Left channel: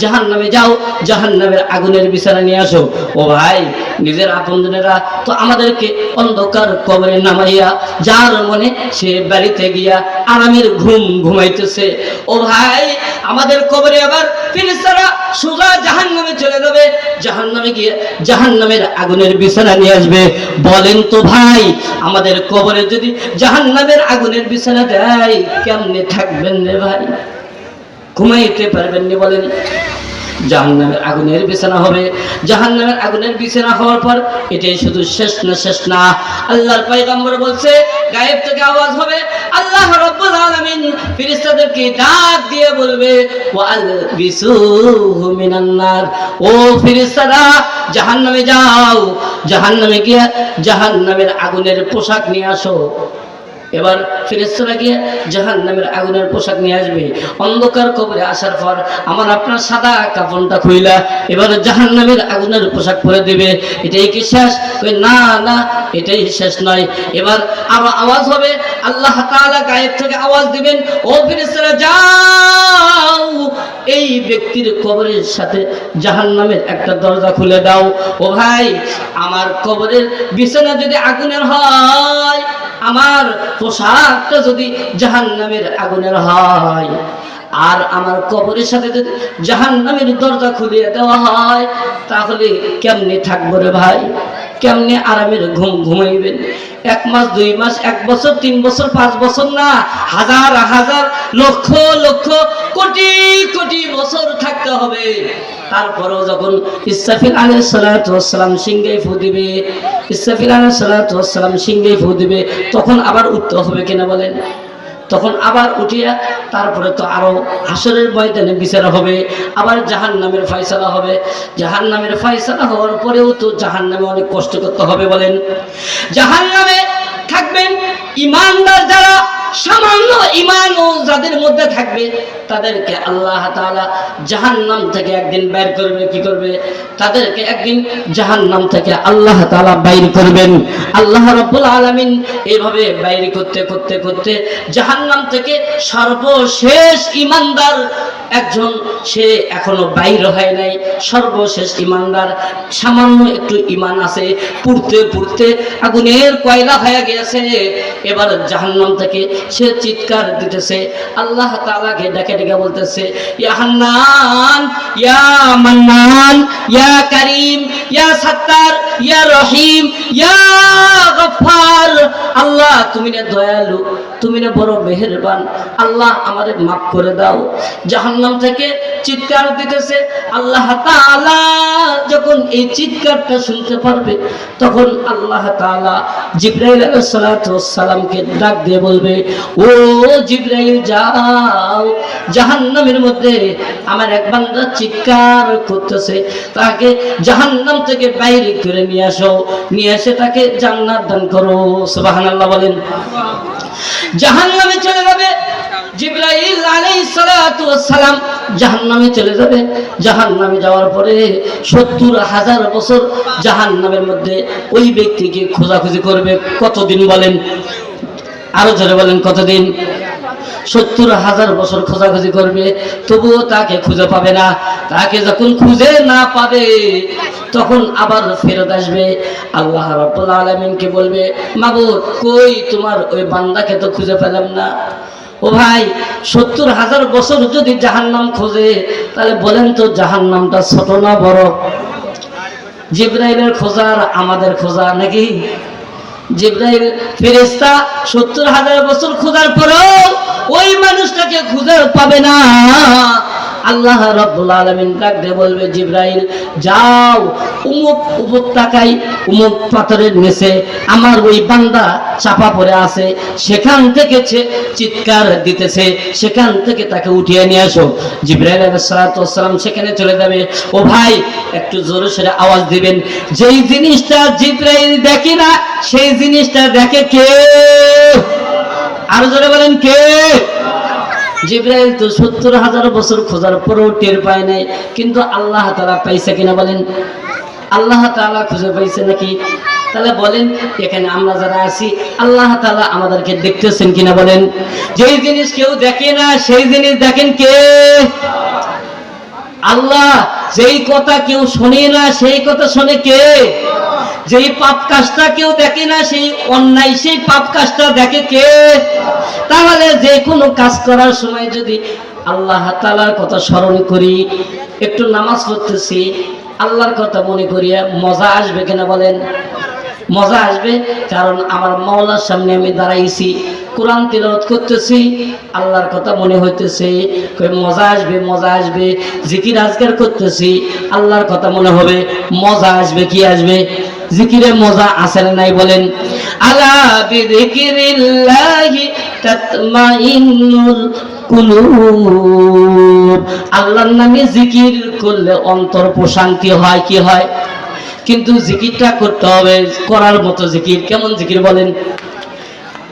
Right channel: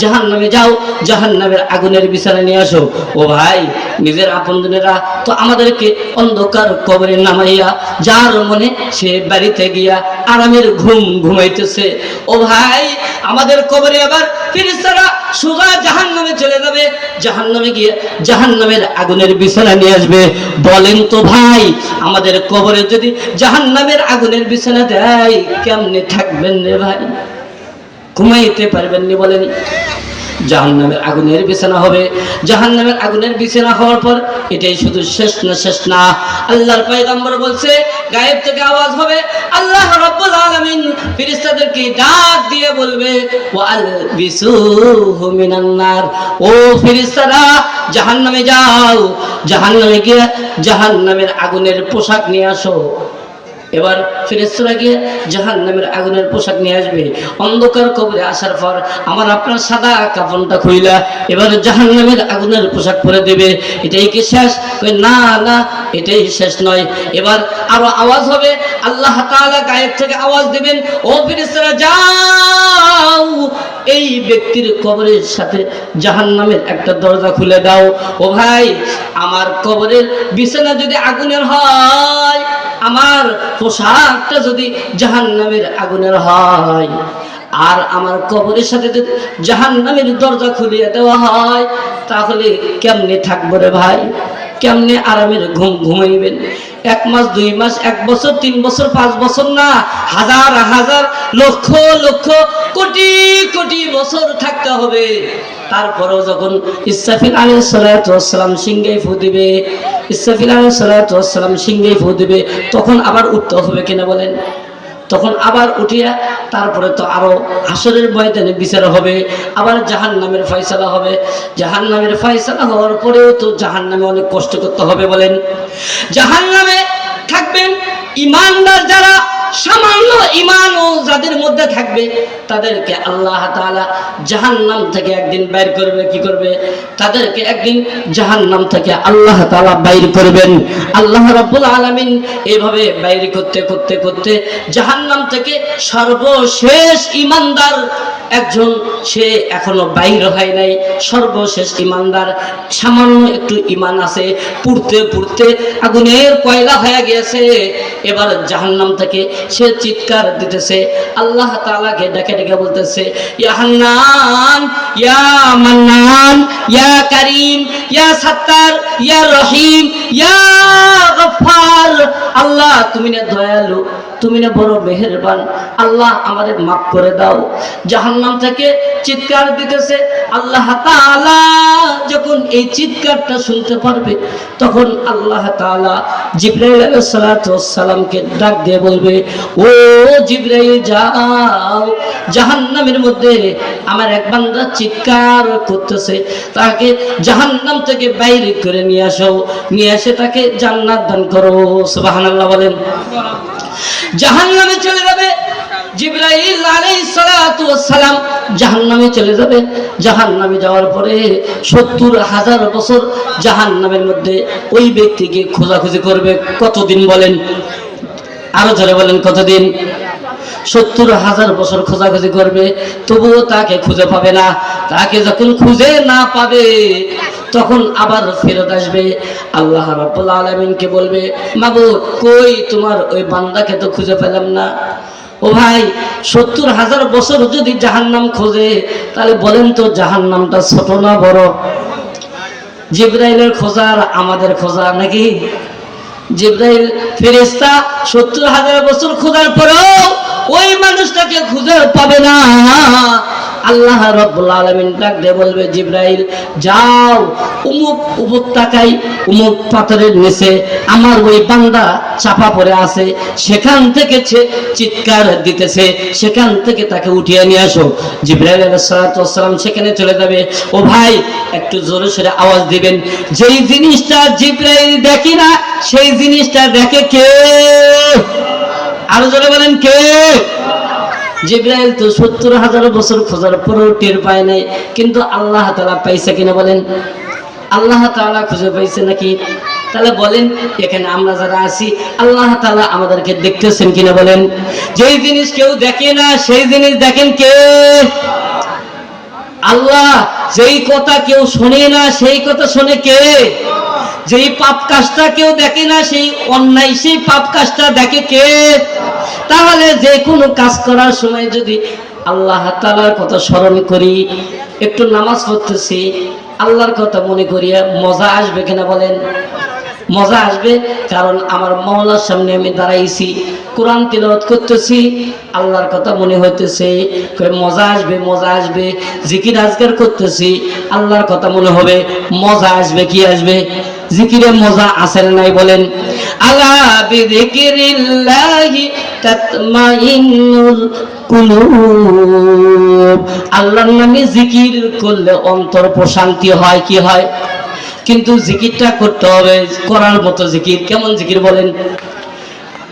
জাহান্নামে যাও, জাহান্নামের আগুনের বিছানা নিয়ে আসো। ও ভাই, নিজের আপনজনেরা তো আমাদেরকে অন্ধকার কবরে নামাইয়া যার মনে সে বাড়িতে গিয়া আরামের ঘুম ঘুমাইতেছে। ও ভাই, আমাদের কবরে আবার ফেরেশতারা সোজা জাহান্নামে চলে যাবে, জাহান্নামে গিয়ে জাহান্নামের আগুনের বিছানা নিয়ে আসবে। বলেন তো ভাই, আমাদের কবরে যদি জাহান্নামের আগুনের বিছানা দেয় কেমনে থাকবেন রে ভাই? ঘুমাইতে পারবেন নি? বলেন। জাহান্নামের আগুনের বিছানা হবে। জাহান্নামের আগুনের বিছানা হওয়ার পর এটাই শুধু শেষ না। আল্লাহর পয়গম্বর বলছে, গায়েব থেকে আওয়াজ হবে, আল্লাহ রাব্বুল আলামিন ফেরেশতাদেরকে ডাক দিয়ে বলবে, ওয়াল বিসুহু মিনান নার, ও ফেরেশতারা জাহান্নামে যাও, জাহান্নামে গিয়ে জাহান্নামের আগুনের পোশাক নিয়ে আসো। এবার ফেরেশতারা গিয়ে জাহান্নামের আগুনের পোশাক নিয়ে আসবে। অন্ধকার কবরে আসার পর আমার আপনার সাদা কাফনটা খুইলা এবার জাহান্নামের আগুনের পোশাক পরে দেবে। এটাই কি শেষ? না না, এটাই শেষ নয়। এবার আরো আওয়াজ হবে, আল্লাহ তাআলা গায়েব থেকে আওয়াজ দিবেন, ও ফেরেশতারা যাও, এই ব্যক্তির কবরের সাথে জাহান্নামের একটা দরজা খুলে দাও। ও ভাই, আমার কবরের বিছানা যদি আগুনের হয়, আমার পোশাকটা যদি জাহান্নামের আগুনের হয়, আর আমার কবরের সাথে যদি জাহান্নামের দরজা খুলিয়ে দেওয়া হয়, তাহলে কেমনে থাকবো রে ভাই? কেমনে আরামের ঘুম ঘুমাইবেন? 1 মাস 2 মাস 1 বছর 3 বছর 5 বছর না, হাজার হাজার লক্ষ লক্ষ কোটি কোটি বছর থাকতে হবে। তারপরেও যখন ইসরাফিল আলাইহিস সালাতু ওয়াস সালাম সিংহে ফু দিবে, ইসরাফিল আলাইহিস সালাতু ওয়াস সালাম সিংহে ফু দিবে, তখন আবার উঠতে হবে কিনা বলেন? তখন আবার উঠিয়া তারপরে তো আরো হাসরের ময়দানে বিচার হবে, আবার জাহান্নামের ফয়সালা হবে। জাহান্নামের ফয়সালা হওয়ার পরেও তো জাহান্নামে অনেক কষ্ট করতে হবে। বলেন, জাহান্নামে থাকবেন ঈমানদার যারা, সামান্য ঈমান ও যাদের মধ্যে থাকবে, তাদেরকে আল্লাহ তাআলা জাহান্নাম থেকে একদিন বের করবে। কি করবে? তাদেরকে একদিন জাহান্নাম থেকে আল্লাহ তাআলা বাইর করবেন। আল্লাহ রাব্বুল আলামিন এইভাবে বাইর করতে করতে করতে জাহান্নাম থেকে সর্বশেষ ঈমানদার একজন, সে এখনো বাইর হয় নাই, সর্বশেষ ঈমানদার, সামান্য একটু ঈমান আছে, পুড়তে পুড়তে আগুনের কয়লা হয়ে গেছে। এবার জাহান্নাম থেকে সে চিৎকার দিতেছে, আল্লাহ তাআলাকে ডেকে ডেকে বলতেছে, ইয়া হান্নান, ইয়া মান্নান, ইয়া কারীম, ইয়া সাত্তার, ইয়া রহিম, ইয়া গফফার। আল্লাহ তুমি না দয়ালু, তুমি না বড় মেহেরবান, আল্লাহ আমাদের মাফ করে দাও। জাহান্নাম থেকে চিৎকার দিতেছে। আল্লাহ তাআলা যখন এই চিৎকারটা শুনতে পারবে, তখন আল্লাহ তাআলা জিবরাইল আলাইহিস সালাতু ওয়াস সালামকে ডাক দিয়ে বলবে, ও জিবরাইল যাও, জাহান্নামের মধ্যে আমার এক বান্দা চিৎকার করতেছে, তাকে জাহান্নাম থেকে বাইরে করে নিয়ে আসো, নিয়ে এসে তাকে জান্নাত দান করো। সুবহানাল্লাহ বলেন। জাহান্নামে চলে যাবে জিবরাইল আলাইহিস সালাতু ওয়াস সালাম, জাহান্নামে চলে যাবে। জাহান্নামে যাওয়ার পরে 70,000 বছর জাহান্নামের মধ্যে ওই ব্যক্তিকে খোঁজাখুঁজি করবে। কতদিন বলেন? আরো জোরে বলেন, কতদিন? 70,000 বছর খোঁজাখুঁজি করবে, তবুও তাকে খুঁজে পাবে না। তাকে যখন খুঁজে না পাবে, তখন আবার ফেরত আসবে। আল্লাহ রাব্বুল আলামিনকে বলবে, মাবুদ কই তোমার ওই বান্দাকে তো খুঁজে পেলাম না। ও ভাই, 70,000 বছর যদি জাহান্নাম খোঁজে, তাহলে বলেন তো জাহান্নামটা ছোট না বড়? জিবরাইলের খোঁজা আর আমাদের খোঁজা নাকি? জিবরাইল ফেরেশতা 70,000 বছর খোঁজার পরেও ওই মানুষটাকে খুঁজে পাবে না। আল্লাহ রাব্বুল আলামিন ডাক দিয়ে বলবে, জিবরাইল যাও, অমুক উপত্যকায় অমুক পাথরের নিচে আমার ওই বান্দা চাপা পড়ে আছে, সেখান থেকে চিৎকার দিতেছে, সেখান থেকে তাকে উঠিয়ে নিয়ে আসো। জিবরাইল আলাইহিস সালাতু ওয়াস সালাম সেখানে চলে যাবে। ও ভাই, একটু জোরে সোরে আওয়াজ দিবেন। যেই জিনিসটা জিবরাইল দেখে না, সেই জিনিসটা দেখে কে? আরো জোরে বলেন, কে? জিবরাইল তো 70,000 বছর খোঁজার পরেও টের পায় নাই, কিন্তু আল্লাহ তাআলা পাইছে কিনা বলেন? আল্লাহ তাআলা খুঁজে পাইছে নাকি? তাহলে বলেন, এখানে আমরা যারা আছি, আল্লাহ তাআলা আমাদেরকে দেখতেছেন কিনা বলেন? যেই জিনিস কেউ দেখে না, সেই জিনিস দেখেন কে? আল্লাহ যেই কথা কেউ শোনে না সেই কথা শোনে কে? যেই পাপ কাজটা কেউ দেখে না সেই অন্যায় সেই পাপ কাজটা দেখে কে? তাহলে যে কোনো কাজ করার সময় যদি আল্লাহ তাআলার কথা স্মরণ করি, একটু নামাজ পড়তেছি আল্লাহর কথা মনে করিয়া মজা আসবে কিনা বলেন? মজা আসবে। কারণ আমার মাওলার সামনে আমি দাঁড়াইছি, কোরআন তিলাওয়াত করতেছি, আল্লাহর কথা মনে হইতেছে, মজা আসবে মজা আসবে। জিকির আজকার করতেছি, আল্লাহর কথা মনে হবে, মজা আসবে। কি আসবে? জিকিরে মজা আছে না নাই বলেন? আলা বিযিকিরিল্লাহি তাতমাইন্নুল কুলুব। আল্লাহর নামে জিকির করলে অন্তর প্রশান্তি হয়। কি হয়? কিন্তু জিকিরটা করতে হবে করার মতো জিকির। কেমন জিকির বলেন?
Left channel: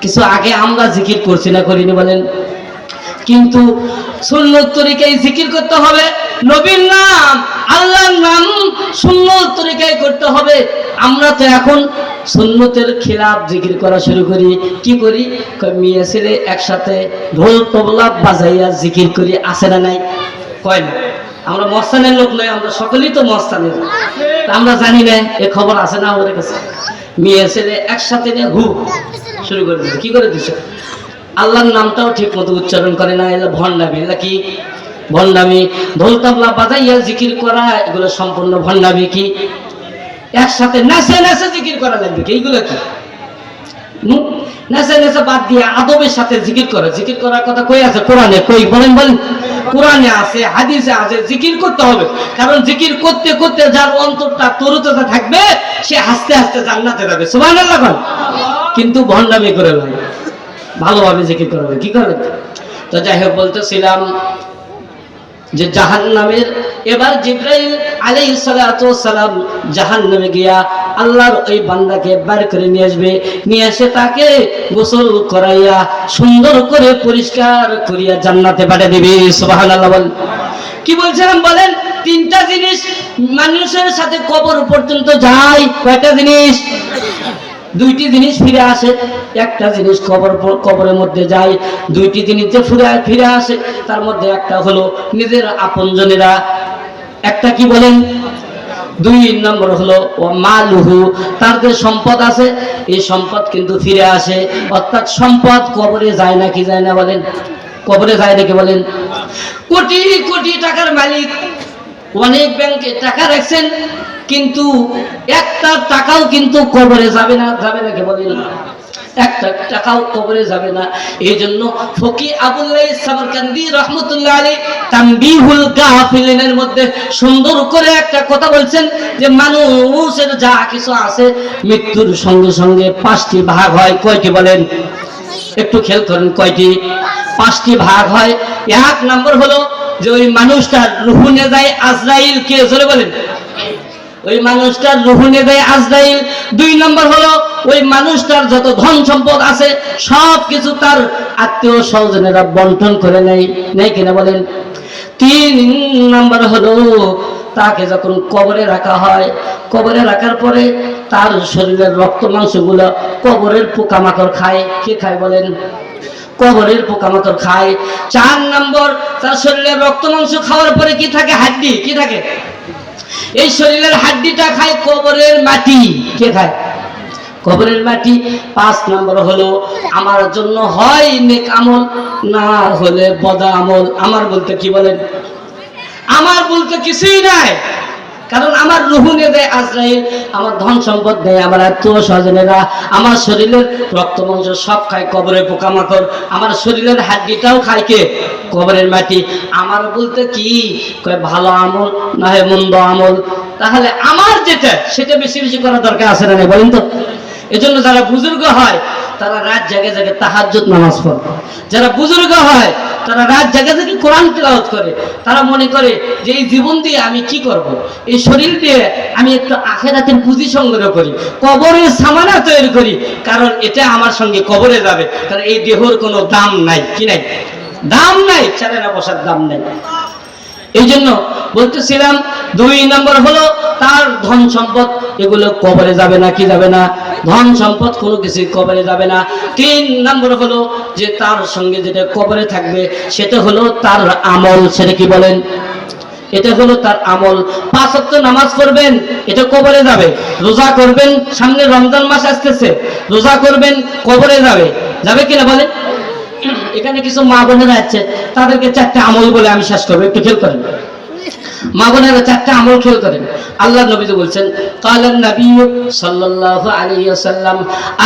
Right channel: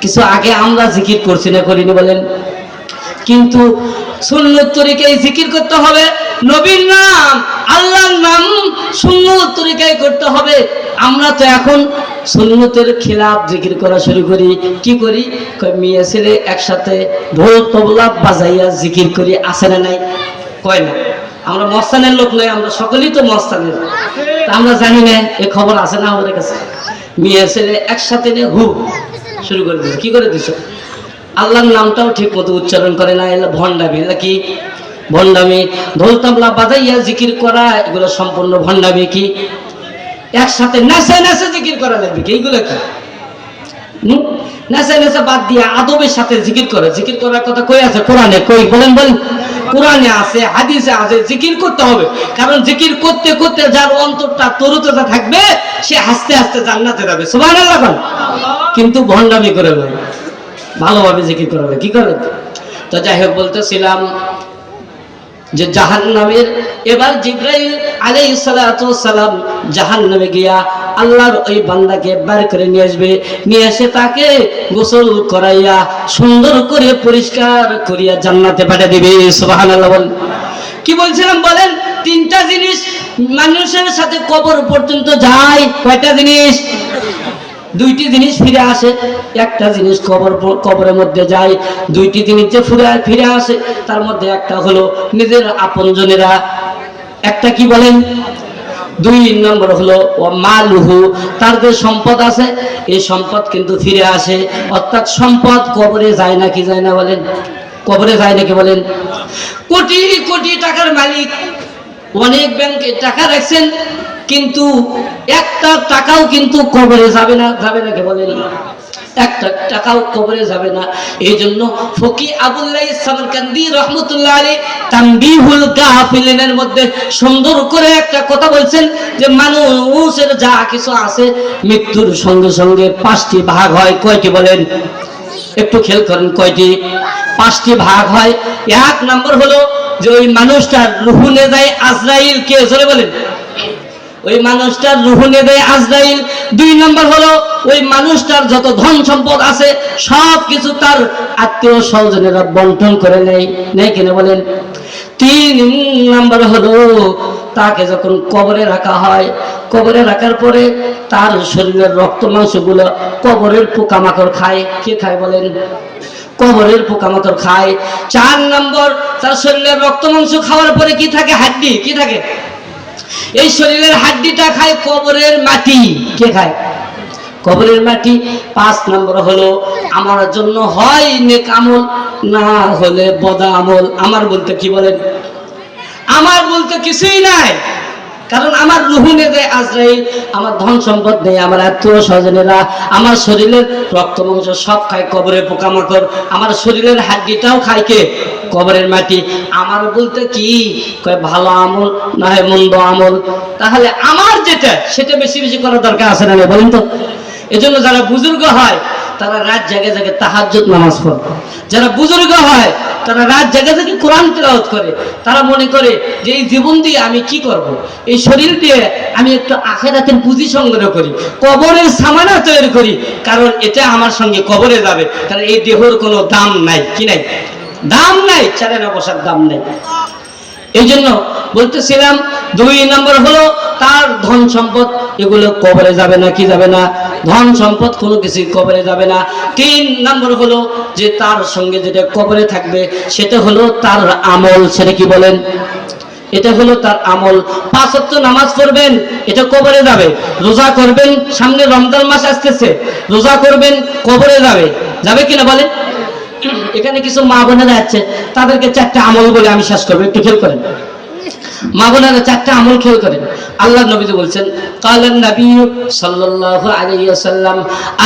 কিছু আগে আমরা জিকির করছি না করিনি বলেন? কিন্তু সুন্নত তরিকায় জিকির করতে হবে, নবীর নাম আল্লাহর নাম সুন্নত তরিকায় করতে হবে। আমরা তো এখন সুন্নতের খিলাফ জিকির করা শুরু করি। কি করি? মেয়ে ছেলে একসাথে ঢোল তবলা বাজাইয়া জিকির করি। আছে না নাই? কয় না? আমরা মস্তানের লোক নয়, আমরা সকলেই তো মস্তানের। আমরা জানি না এ খবর আছে না আমাদের কাছে? মেয়ে ছেলে একসাথে নিয়ে হু শুরু করে দিল। কি করে দিছে? আল্লাহর নামটাও ঠিক মতো উচ্চারণ করে না, এলা ভণ্ডামি। এলা কি? ভণ্ডামি। ঢোল তবলা বাজাইয়া জিকির করা এগুলো সম্পূর্ণ ভণ্ডামি। কি? একসাথে নেচে নেচে জিকির করা লাগবে কি? এইগুলো কি? নেচে নেচে বাদ দিয়ে আদবের সাথে জিকির করে। জিকির করার কথা কই আছে কোরআনে? কই বলেন বলেন? কোরআনে আছে, হাদিসে আছে, জিকির করতে হবে। কারণ জিকির করতে করতে যার অন্তরটা তরুতাজা থাকবে সে আস্তে আস্তে জান্নাতে যাবে। সুবহানাল্লাহ বল। কিন্তু ভণ্ডামি করে ভাই, ভালোভাবে জিকির করবে। কি করে? তো যাই হোক, বলতেছিলাম যে জাহান্নামের এবার জিবরাইল আলাইহিস সালাতু ওয়াস সালাম জাহান্নামে গিয়া আল্লাহর ওই বান্দাকে বের করে নিয়ে আসবে। নিয়ে এসে তাকে গোসল করাইয়া সুন্দর করে পরিষ্কার করিয়া জান্নাতে পাঠিয়ে দিবে। সুবহানাল্লাহ বল। কি বলছিলাম বলেন? তিনটা জিনিস মানুষের সাথে কবর পর্যন্ত যায়। কয়টা জিনিস? দুইটি জিনিস ফিরে আসে। একটা জিনিস কবরের মধ্যে যায়, দুইটি জিনিস যে ফিরে আসে তার মধ্যে একটা হলো নিজের আপনজনেরা। একটা কি বলেন? দুই নম্বর হলো মালুহু, তার যে সম্পদ আছে এই সম্পদ কিন্তু ফিরে আসে। অর্থাৎ সম্পদ কবরে যায় না। কি যায় না বলেন? কবরে যায় নাকি বলেন? কোটি কোটি টাকার মালিক, অনেক ব্যাংকে টাকা রাখছেন, কিন্তু একটা টাকাও কিন্তু কবরে যাবে না। যাবে নাকি বলেন? একটা টাকাও কবরে যাবে না। এই জন্য ফকি আবুল্লাহ সামরকান্দি রহমতুল্লাহ আলাইহি তানবিহুল গাফিলিনের মধ্যে সুন্দর করে একটা কথা বলছেন যে মানুষের যা কিছু আছে মৃত্যুর সঙ্গে সঙ্গে 5টি ভাগ হয়। কয়টি বলেন? একটু খেয়াল করেন। কয়টি? 5টি ভাগ হয়। এক নম্বর হলো যে ওই মানুষটার রূহ নিয়ে যায় আজরাইল। কে জোরে বলেন? ওই মানুষটার রূহ নিয়ে যায় আজরাইল। 2 নম্বর হলো ওই মানুষটার যত ধন সম্পদ আছে সব কিছু তার আত্মীয় স্বজনেরা বন্টন করে নেয়। নেই কিনা বলেন? 3 নম্বর হলো তাকে যখন কবরে রাখা হয়, কবরে রাখার পরে তার শরীরের রক্ত মাংসগুলো কবরের পোকামাকড় খায়। কে খায় বলেন? কবরের পোকামাকড় খায়। 4 নম্বর, তার শরীরের রক্ত মাংস খাওয়ার পরে কি থাকে? হাড্ডি। কি থাকে? এই শরীরের হাড্ডিটা খায় কবরের মাটি। কে খায়? কবরের মাটি। 5 নম্বর হলো আমার জন্য হয় নেক আমল, না হলে বদ আমল। আমার বলতে কি বলেন? আমার বলতে কিছুই নাই। কারণ আমার রূহ নিয়ে যায় আজরাইল, আমার ধন সম্পদ নেই, আমার আত্মীয় স্বজনেরা, আমার শরীরের রক্ত মাংস সব খায় কবরের পোকামাকড়, আমার শরীরের হাড্ডিটাও খায় কে? কবরের মাটি। আমার বলতে কি? ভালো আমল না হয় মন্দ আমল। তাহলে আমার যেটা সেটা বেশি বেশি করা দরকার আছে না বলেন তো? এজন্য যারা বুজুর্গ হয় তারা রাত জেগে জেগে তাহাজ্জুদ নামাজ পড়ে। যারা বুজুর্গ হয় তারা রাত জেগে জেগে কোরআন তেলাওয়াত করে। তারা মনে করে যে এই জীবন দিয়ে আমি কি করব, এই শরীর দিয়ে আমি একটু আখিরাতের পুঁজি সংগ্রহ করি, কবরের সামানা তৈরি করি, কারণ এটা আমার সঙ্গে কবরে যাবে। কারণ এই দেহর কোনো দাম নাই। কি নাই? দাম নাই। চারেনা বসার দাম নাই। এই জন্য বলতেছিলাম 2 নম্বর হলো তার ধন সম্পদ এগুলো কবরে যাবে না। কি যাবে না? ধন সম্পদ কোনো কিছু কবরে যাবে না। 3 নম্বর হলো যে তার সঙ্গে যেটা কবরে থাকবে সেটা হলো তার আমল। সেটা কি বলেন? এটা হলো তার আমল। 5 ওয়াক্ত নামাজ পড়বেন, এটা কবরে যাবে। রোজা করবেন, সামনে রমজান মাস আসতেছে, রোজা করবেন, কবরে যাবে। যাবে কিনা বলেন? এখানে কিছু মা বোনেরা আছে, তাদেরকে 4টা আমল বলে আমি শেষ করবো, একটু খেয়াল করেন। মা বোনেরা 4টা আমল খেয়াল করেন। আল্লাহ নবী তো বলছেন, কালান নবী সাল্লাল্লাহু আলাইহি ওয়াসাল্লাম,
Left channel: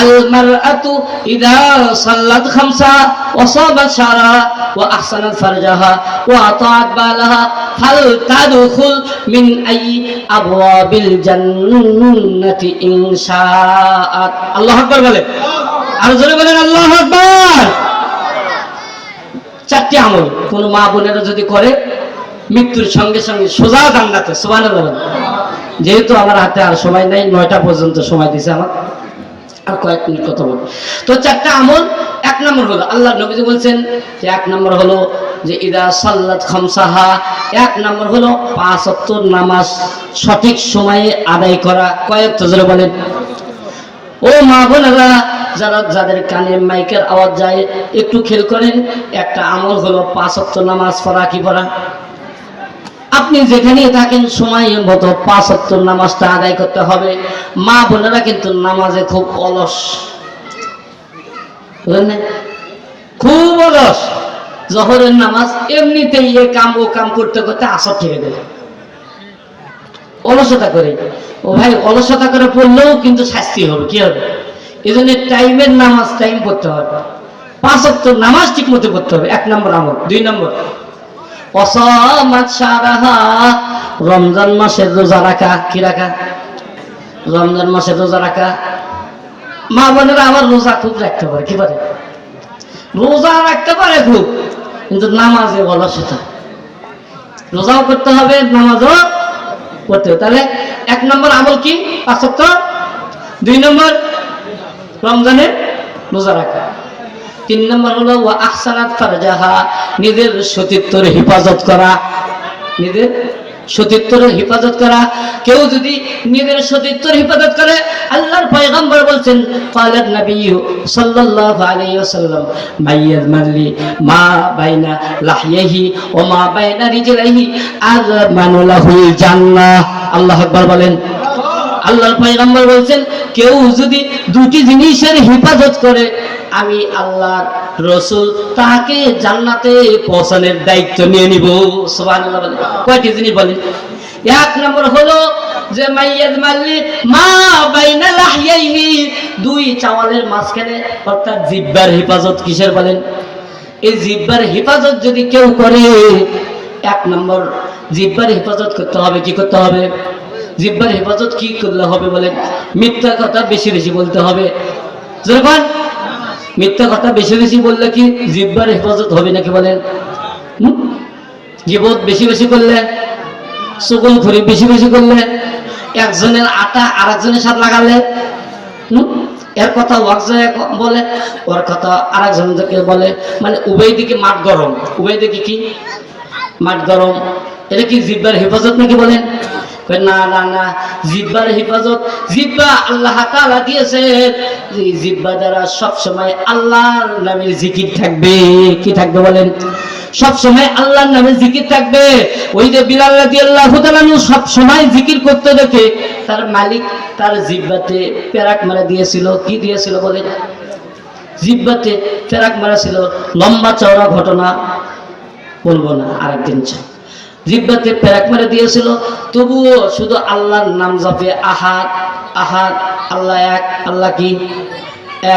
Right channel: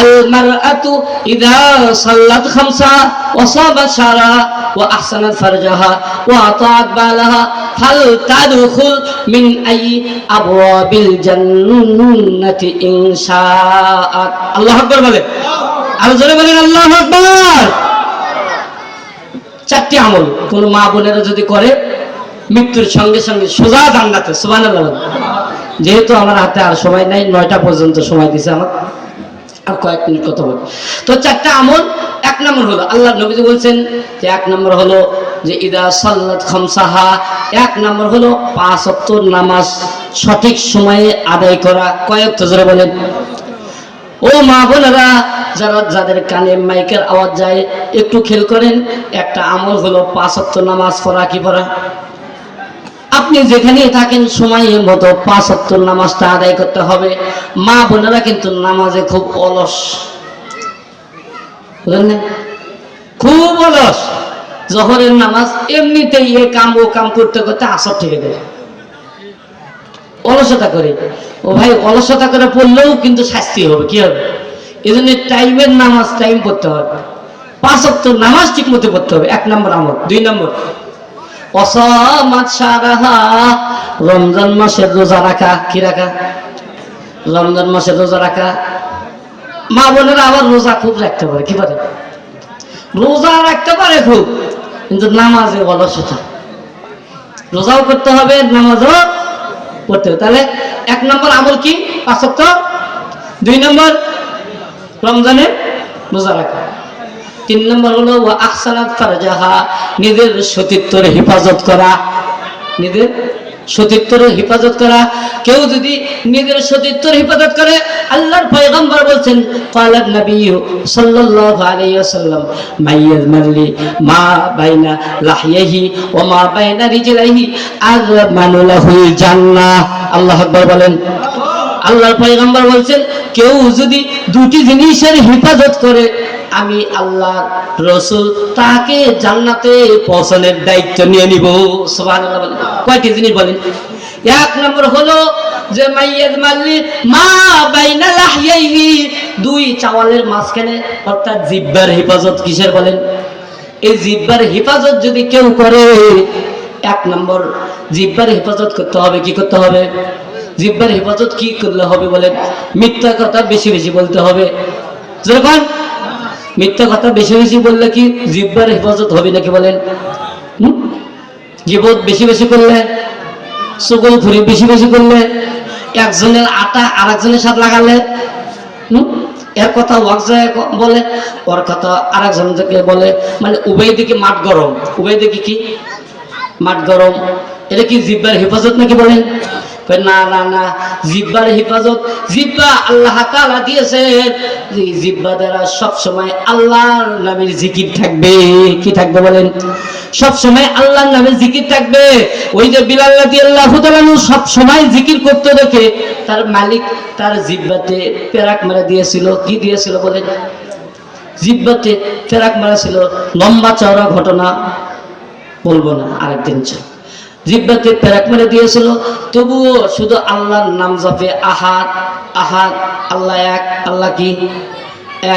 আল মারআতু ইযা সাল্লাত খামসা ওয়া সাবাত শারা ওয়া আহসানাত ফারজাহা ওয়া আতাআত বালাহা ফাল তাদখুল মিন আই আবওয়াবিল জান্নাতি ইনশাআত। আল্লাহু আকবার বলে, আর জোরে বলেন আল্লাহু আকবার। 4টি আমল কোন মা বোনেরা যদি করে, মৃত্যুর সঙ্গে সঙ্গে সোজা জান্নাতে। সুবহানাল্লাহ। যেহেতু আমার হাতে আর সময় নাই, 9টা পর্যন্ত সময় দিছে আমার, আর কয়েক মিনিট কথা বল। তো 4টা আমল। 1 নম্বর হলো, আল্লাহ নবী বলছেন যে 1 নম্বর হলো যে ইদা সাল্লাত খামসাহা, 1 নম্বর হলো 5 ওয়াক্ত নামাজ সঠিক সময়ে আদায় করা। কয়েক তো জোরে বলেন। ও মা বোনেরা, যাদের কানে মাইকের আওয়াজ যায়, একটু খেয়াল করেন। একটা আমল হলো 5 ওয়াক্ত নামাজ পড়া। কি পড়া? আপনি যেখানে থাকেন সময় মতো 5 ওয়াক্ত নামাজটা আদায় করতে হবে। মা বোনেরা কিন্তু নামাজে খুব অলস, বুঝলেন না? খুব অলস। জোহরের নামাজ এমনিতেই এ কাম ও কাম করতে করতে আসর থেকে দেয়, অলসতা করে। ও ভাই, অলসতা করে পড়লেও কিন্তু শাস্তি হবে। কি হবে? এই জন্য টাইমের নামাজ টাইম পড়তে হবে। 5 ওয়াক্ত নামাজ ঠিক মতো পড়তে হবে। 1 নম্বর আমল। 2 নম্বর, রমজান মাসের রোজা রাখা। কি রাখা? রমজান মাসের রোজা রাখা। মা বোনেরা আবার রোজা খুব রাখতে পারে। কি পারে? রোজা রাখতে পারে খুব, কিন্তু নামাজে অলসতা। রোজাও করতে হবে, নামাজও পড়তে হবে। তাহলে 1 নম্বর আমল কি? 5 ওয়াক্ত। 2 নম্বর রমজানে রোজা রাখা। 3 নম্বর হলো ওয়া আহসানাত ফারজাহা, নিজের সতীত্বের হেফাজত করা। নিজের সতীত্বের হেফাজত করা। কেউ যদি নিজের সতীত্বের হেফাজত করে, আল্লাহর পয়গম্বর বলছেন, ক্বালান নবী সাল্লাল্লাহু আলাইহি ওয়াসাল্লাম, মাইয়াজমালি মা বাইনা লাহইহি ওয়া মা বাইনা রিজলাইহি আযমানু লাহুল জান্নাহ। আল্লাহু আকবার বলেন। আল্লাহর পয়গম্বর বলছেন, কেউ যদি 2টি জিনিসের হেফাজত করে, আমি আল্লাহ রাসূল তাকে জান্নাতে পৌঁছানোর দায়িত্ব নিয়ে নিব। সুবহানাল্লাহ। কয়টি জিনিস বলেন? 1 নম্বর হলো যে মাইয়াজমালি মা বাইনা লাহইহি, 2 চাওয়ালের মাঝখানে, অর্থাৎ জিহ্বার হেফাজত। কিসের বলেন? এই জিহ্বার হেফাজত যদি কেউ করে, 1 নম্বর জিহ্বার হেফাজত করতে হবে। কি করতে হবে? জিহ্বার হেফাজত কি করলে হবে বলেন? মিথ্যা কথা বেশি বেশি বলতে হবে। যখন মিথ্যা কথা বেশি বেশি বললে কি জিহ্বার হেফাজত হবে নাকি বলেন? গীবত বেশি বেশি করলে, চুগলখড়ি বেশি বেশি করলে, একজনের আটা আরেকজনের সাথে লাগালে, এর কথা বলে, ওর কথা আরেকজন থেকে বলে, মানে উভয় দিকে মাঠ গরম। উভয় দিকে কি মাঠ গরম। এটা কি জিহ্বার হেফাজত নাকি বলেন? না না না, জিহ্বার হেফাজত, জিহ্বা আল্লাহ তাআলা দিয়েছেন, এই জিহ্বা দ্বারা সব সময় আল্লাহর নামের জিকির থাকবে। কি থাকবে বলেন? সব সময় আল্লাহর নামের জিকির থাকবে। ওই যে বিলাল রাদিয়াল্লাহু তাআলা সব সময় জিকির করতে দেখে তার মালিক তার জিহ্বাতে পেরাক মেরে দিয়েছিল। কি দিয়েছিল বলেন? জিহ্বাতে পেরাক মেরেছিল। লম্বা চওড়া ঘটনা বলবো না, আরেকদিন। জিহ্বাতে পেরাক মেরে দিয়েছিল, তবুও শুধু আল্লাহর নাম জপে। আহাদ আহাদ, আল্লাহ এক, আল্লাহ কি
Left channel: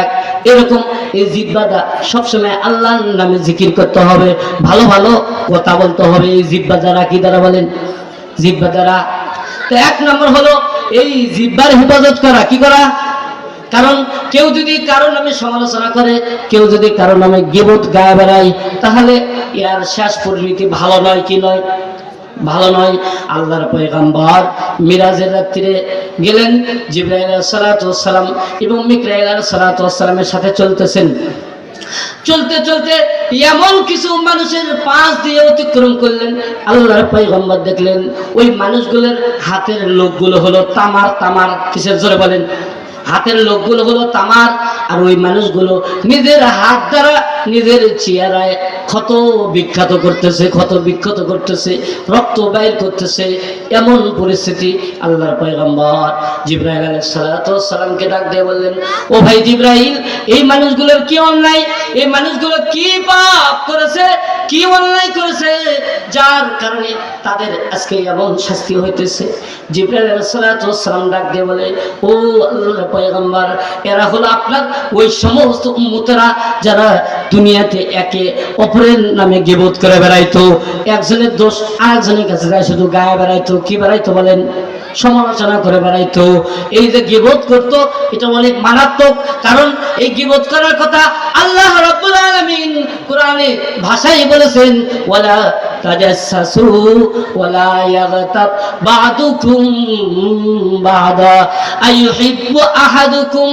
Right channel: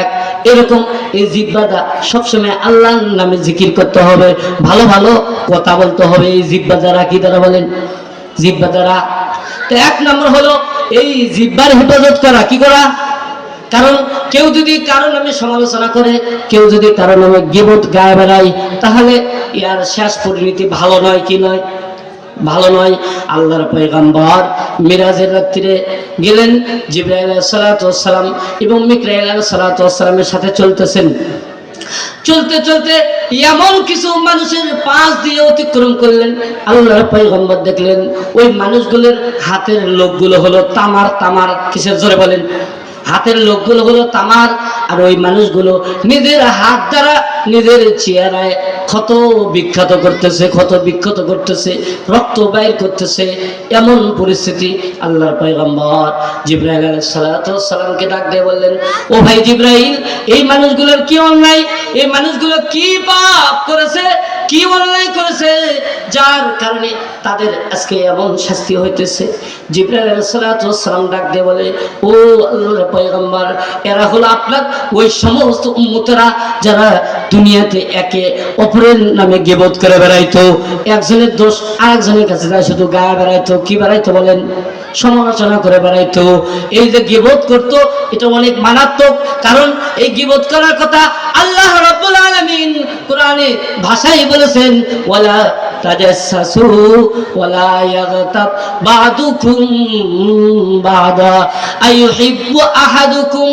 এক। এরকম এই জিহ্বাটা সবসময় আল্লাহর নামে জিকির করতে হবে, ভালো ভালো কথা বলতে হবে এই জিহ্বা দ্বারা। কি দ্বারা বলেন? জিহ্বা দ্বারা। তো 1 নম্বর হলো এই জিহ্বার হেফাজত করা। কি করা? কারণ কেউ যদি কারো নামে সমালোচনা করে, কেউ যদি কারো নামে গীবত গায়ে বেড়ায়, তাহলে ইয়ার শেষ পরিণতি ভালো নয়। কি নয়? ভালো নয়। আল্লাহর পয়গম্বর মিরাজের রাত্রিরে গেলেন, জিবরাইল আলাইহিস সালাতু ওয়াস সালাম এবং মিকাইল আলাইহিস সালাতু ওয়াস সালামের সাথে চলতেছেন। চলতে চলতে এমন কিছু মানুষের পাশ দিয়ে অতিক্রম করলেন। আল্লাহর পয়গম্বর দেখলেন ওই মানুষগুলোর হাতের লোকগুলো হলো তামার। তামার কিসের? জোরে বলেন। হাতের লোকগুলো হলো তামার। আর ওই মানুষগুলো নিজের হাত দ্বারা নিজের চেহারায় ক্ষত বিখ্যাত করতেছে, ক্ষত বিক্ষত করতেছে, রক্ত বাইর করতেছে। এমন পরিস্থিতি আল্লাহর পয়গম্বর জিবরাইল আলাইহিস সালামকে ডাক দিয়ে বললেন, ও ভাই জিবরাইল, এই মানুষগুলোর কি অন্যায়, এই মানুষগুলো কি পাপ করেছে, কি অন্যায় করেছে যার কারণে তাদের আজকে এমন শাস্তি হইতেছে? জিবরাইল আলাইহিস সালাম ডাক দিয়ে বলে, ও আল্লাহর পয়গম্বর, এরা হলো আপনার ওই সমস্ত উম্মতরা যারা দুনিয়াতে একে অপরের নামে গীবত করে বেড়াইতো, একজনের দোষ আরেকজনের কাছে যায় শুধু গায়ে বেড়াইতো। কি বেড়াইতো বলেন? সমালোচনা করে বেড়াইতো। এই যে গীবত করতো, এটা অনেক মারাত্মক। কারণ এই গীবত করার কথা আল্লাহ রাব্বুল আলামিন কোরআনে ভাষায় বলেছেন, ওয়ালা তাজাসসু ওয়ালা ইয়াগতাব বা'দুকুম বা'দা আইয়ুহিব্বু আহাদুকুম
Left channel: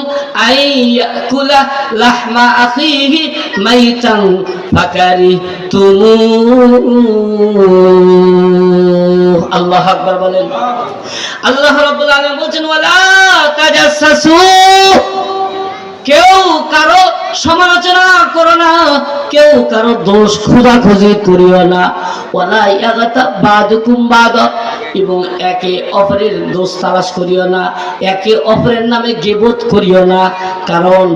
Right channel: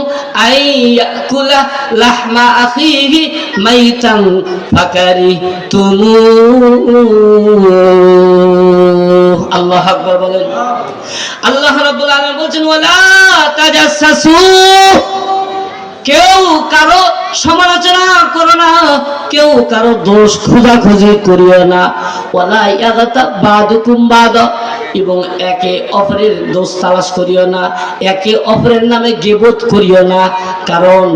আইয়াকুলা লাহমা আখিহি মাইতান ফাকারিহতুমুহ। আল্লাহু আকবার বলেন। আল্লাহ রাব্বুল আলামিন বলেন, ওয়ালা তাজাসসু, কেউ কারো সমালোচনা করো না, কেউ কারো দোষ খোঁজাখুঁজি করিও না। ওয়ালা ইয়াগতাব বা'দুকুম বা'দা, এবং একে অপরের দোষ তালাশ করিও না, একে অপরের নামে গীবত করিও না। কারণ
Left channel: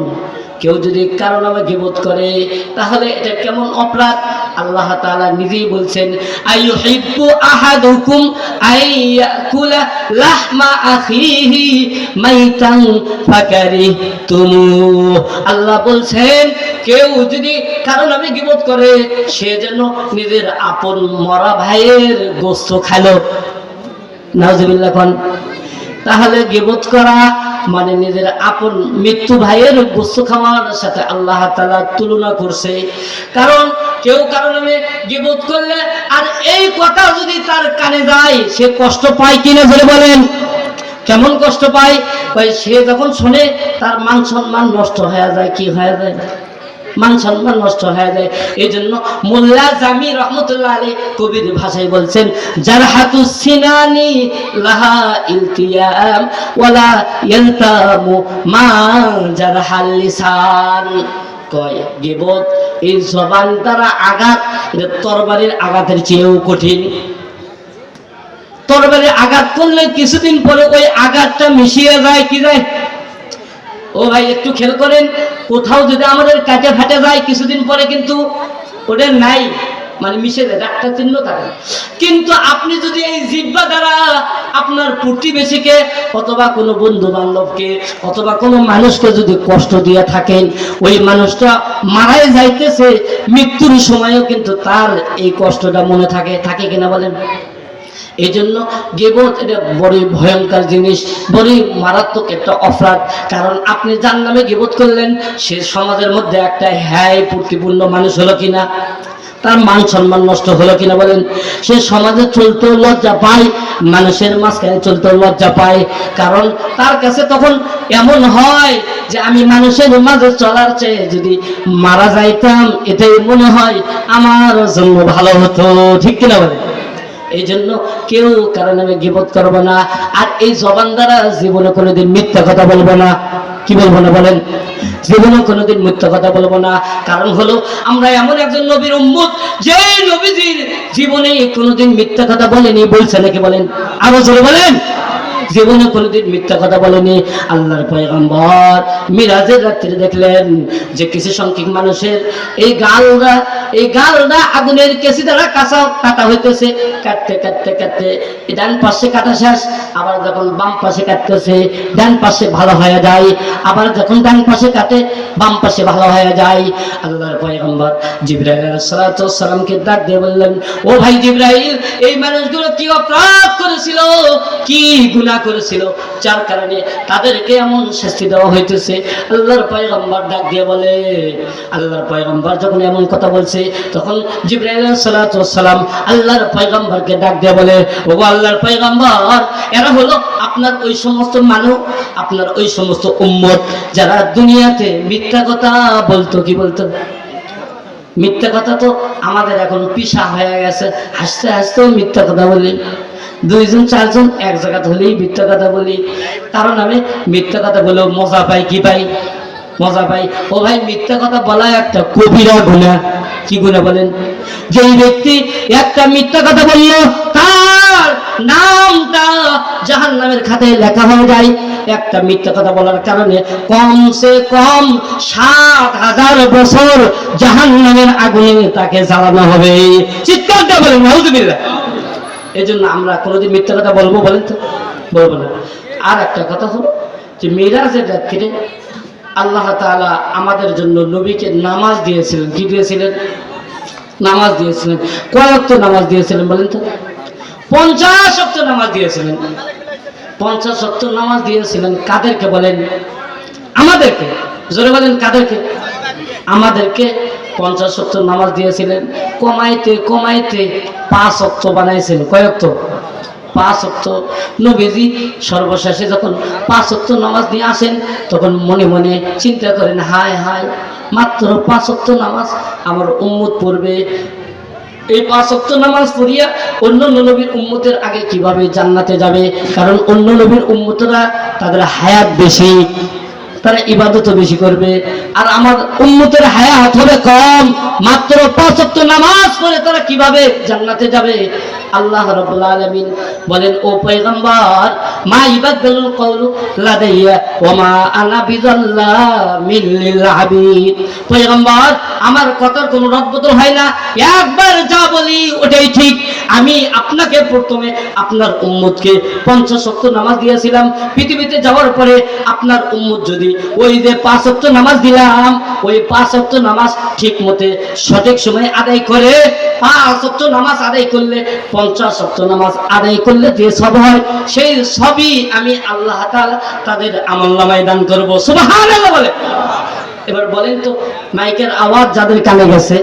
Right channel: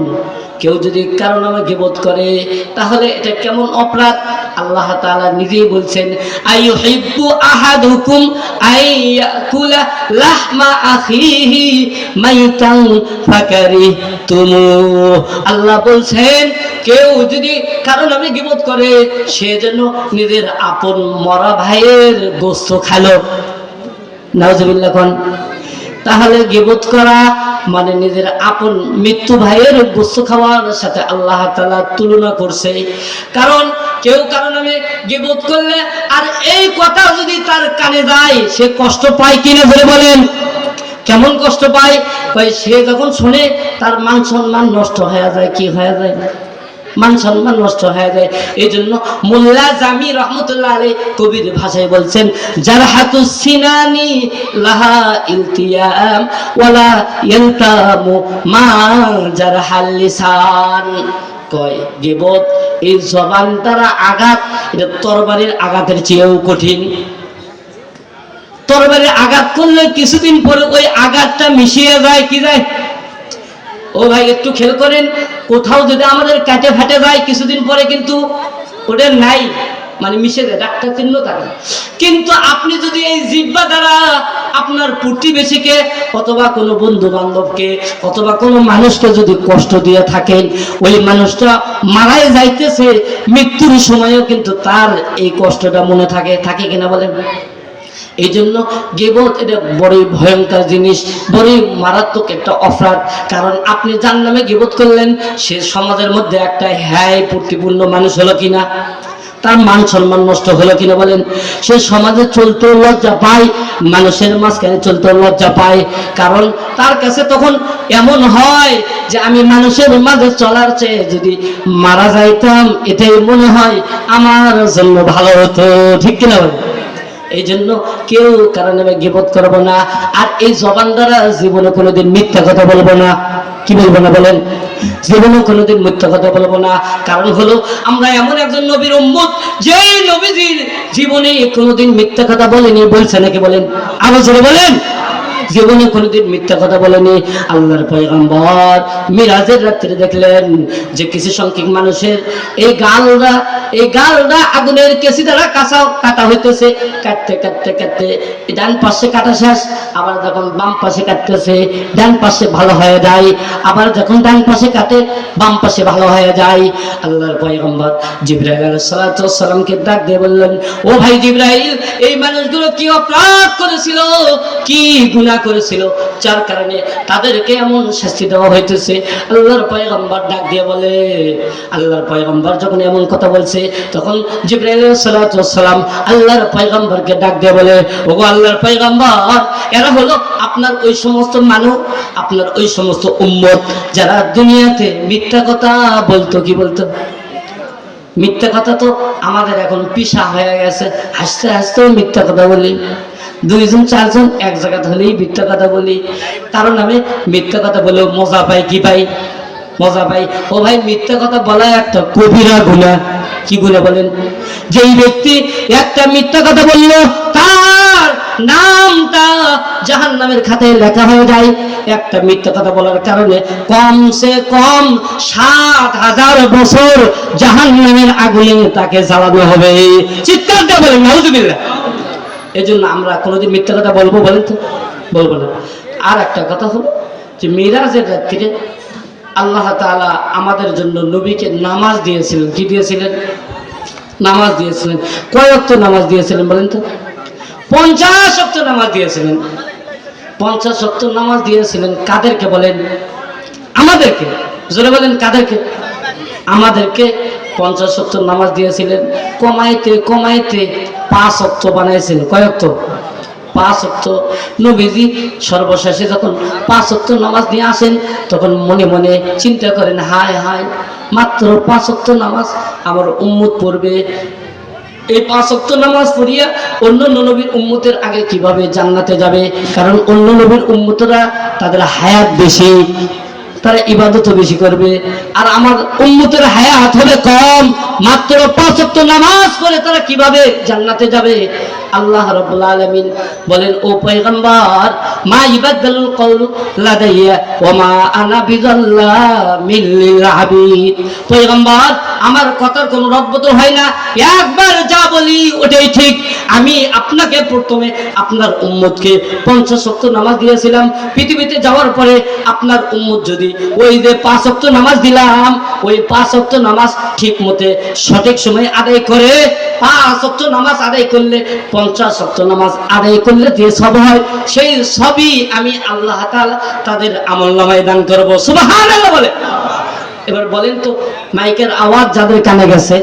কেউ যদি কারো নামে গীবত করে তাহলে এটা কেমন অপরাধ? আল্লাহ তাআলা নিজেই বলছেন, আইয়ুহিব্বু আহাদুকুম আইয়াকুলা লাহমা আখিহি মাইতান ফাকারিহতুমুহ। আল্লাহ বলছেন, কেউ যদি কারো নামে গীবত করে সে যেন নিজের আপন মরা ভাইয়ের গোশত খালো। নাউজুবিল্লাহ কোন। তাহলে গীবত করা মানে নিজের আপন মৃত্যু ভাইয়ের গোশত খাওয়ার সাথে আল্লাহ তাআলা তুলনা করছে। কারণ কেউ কারো নামে গীবত করলে আর এই কথা যদি তার কানে যায়, সে কষ্ট পায় কিনা বলে বলেন? কেমন কষ্ট পায়? ভাই সে যখন শুনে তার মান সম্মান নষ্ট হয়ে যায়। কি হয়ে যায়? মান সম্মান নষ্ট হয়ে যায়। এই জন্য মোল্লা জামি রহমতুল্লাহ আলাইহি কবির ভাষায় বলছেন, জারহাতুস সিনানি লাহা ইলতিয়াম ওয়ালা ইয়ালতামু মা জারহাল লিসান। কয় গীবত এই জবান দ্বারা আঘাত, এটা তরবারির আঘাতের চেয়েও কঠিন। তরবারির আঘাত করলে কিছুদিন পরে ওই আঘাতটা মিশিয়ে যায়। কি যায়? ও ভাই একটু খেয়াল করেন, কোথাও যদি আমাদের কাটে ফাটে যায় কিছুদিন পরে কিন্তু ওটা নাই, মানে মিশে যায়, ডাক্তার চিহ্ন থাকে। কিন্তু আপনি যদি এই জিহ্বা দ্বারা আপনার প্রতিবেশীকে অথবা কোনো বন্ধু বান্ধবকে অথবা কোনো মানুষকে যদি কষ্ট দিয়ে থাকেন, ওই মানুষটা মারাই যাইতেছে, মৃত্যুর সময়ও কিন্তু তার এই কষ্টটা মনে থাকে। থাকে কিনা বলেন? এই জন্য গীবত এটা বড়ই ভয়ঙ্কর জিনিস, বড়ই মারাত্মক একটা অপরাধ। কারণ আপনি যার নামে গীবত করলেন সে সমাজের মধ্যে একটা হ্যায় প্রতিপূর্ণ মানুষ হলো কিনা, তার মান সম্মান নষ্ট হলো কিনা বলেন? সে সমাজে চলতেও লজ্জা পায়, মানুষের মাঝখানে চলতেও লজ্জা পায়। কারণ তার কাছে তখন এমন হয় যে আমি মানুষের মাঝে চলার চেয়ে যদি মারা যাইতাম এটাই মনে হয় আমার জন্য ভালো হতো। ঠিক কিনা বলেন? এই জন্য কেউ কারো নামে গীবত করবো না। আর এই জবান দ্বারা জীবনে কোনোদিন মিথ্যা কথা বলবো না। কি বলবো না বলেন? জীবনে কোনোদিন মিথ্যা কথা বলবো না। কারণ হলো আমরা এমন একজন নবীর উম্মত যে নবীজির জীবনে কোনোদিন মিথ্যা কথা বলেনি। বলছে নাকি বলেন? আবার জোরে বলেন। জীবনে কোনোদিন মিথ্যা কথা বলেনি। আল্লাহর পয়গম্বর মিরাজের রাত্রে দেখলেন যে কিছু সংখ্যক মানুষের এই গালটা আগুনের কেসি দ্বারা কাটা হইতেছে। কাটতে কাটতে কাটতে ডান পাশে কাটা শেষ, আবার যখন বাম পাশে কাটতেছে ডান পাশে ভালো হয়ে যায়, আবার যখন ডান পাশে কাটে বাম পাশে ভালো হয়ে যায়। আল্লাহর পয়গম্বর জিবরাইল আলাইহিস সালামকে ডাক দিয়ে বললেন, ও ভাই জিবরাইল, এই মানুষগুলো কি অপরাধ করেছিল, কি গুনাহ করেছিল যার কারণে তাদেরকে এমন শাস্তি দেওয়া হইতেছে? আল্লাহর পয়গম্বর ডাক দিয়ে বলে, আল্লাহর পয়গম্বর যখন এমন কথা বলছে তখন জিবরাইল আলাইহিস সালাম আল্লাহর পয়গম্বরকে ডাক দিয়ে বলে, ওগো আল্লাহর পয়গম্বর, এরা হলো আপনার ওই সমস্ত মানুষ, আপনার ওই সমস্ত উম্মত যারা দুনিয়াতে মিথ্যা কথা বলতো। কি বলতো? মিথ্যা কথা তো আমাদের এখন পেশা হয়ে গেছে। হাসতে হাসতেও মিথ্যা কথা বলি, দুইজন চারজন এক জায়গা হলেই মিথ্যা কথা বলি। কারণ আমি মিথ্যা কথা বলেও মজা পাই। কি পাই? মজা পাই। ও ভাই, মিথ্যা কথা বলা একটা কবিরা গুনাহ। কি গুনাহ বলেন? যেই ব্যক্তি একটা মিথ্যা কথা বলল তার নামটা জাহান্নামের খাতায় লেখা হয়ে যায়। একটা মিথ্যা কথা বলার কারণে কমসে কম ৭,০০০ বছর জাহান্নামের আগুনে তাকে জ্বালানো হবে। চিৎকার দিয়ে বলেন নাউজুবিল্লাহ। এই জন্য আমরা কোনোদিন মিথ্যা কথা বলবো বলেন তো? বলবো না। আর একটা কথা হলো যে মিরাজের রাত্রিরে আল্লাহ তাআলা আমাদের জন্য নবীকে নামাজ দিয়েছিলেন। কি দিয়েছিলেন? নামাজ দিয়েছিলেন। কয় ওয়াক্ত নামাজ দিয়েছিলেন বলেন তো? 50 ওয়াক্ত নামাজ দিয়েছিলেন। 50 ওয়াক্ত নামাজ দিয়েছিলেন। কাদেরকে বলেন? আমাদেরকে। জোরে বলেন কাদেরকে? আমাদেরকে 50 ওয়াক্ত নামাজ দিয়েছিলেন। কমাইতে কমাইতে 5 ওয়াক্ত বানাইছিলেন। কয় ওয়াক্ত? 5 ওয়াক্ত। নবীজি সর্বশেষে যখন 5 ওয়াক্ত নামাজ নিয়ে আসেন তখন মনে মনে চিন্তা করেন, হায় হায়, মাত্র 5 ওয়াক্ত নামাজ আমার উম্মত পড়বে। এই 5 ওয়াক্ত নামাজ পড়িয়া অন্য নবীর উম্মতের আগে কিভাবে জান্নাতে যাবে? কারণ অন্য নবীর উম্মতরা তাদের হায়াত বেশি, তারা ইবাদত বেশি করবে, আর আমার উম্মতের হায়াত হবে কম। মাত্র 5 ওয়াক্ত নামাজ পড়ে তারা কিভাবে জান্নাতে যাবে? আল্লাহ রাব্বুল আলামিন বলেন, ও পয়গম্বর, মা ইবাদুল কওলু লাদাইয়া ওয়া মা আনা বিযাল্লামিল লিল আবিদ। পয়গম্বর, আমার কথার কোনো রদবদল হয় না, একবার যা বলি ওটাই ঠিক। আমি আপনাকে প্রথমে আপনার উম্মতকে 50 ওয়াক্ত নামাজ দিয়েছিলাম। পৃথিবীতে যাওয়ার পরে আপনার উম্মত যদি ওই যে 5 ওয়াক্ত নামাজ দিলাম, ওই 5 ওয়াক্ত নামাজ ঠিক মতে সঠিক সময়ে আদায় করে, 5 ওয়াক্ত নামাজ আদায় করলে, 50 ওয়াক্ত নামাজ আদায় করলে যে সব হয়, সেই সবই আমি আল্লাহ তাআলা তাদের আমলনামায় দান করব। সুবহানাল্লাহ বলে। এবার বলেন তো, মাইকের আওয়াজ যাদের কানে গেছে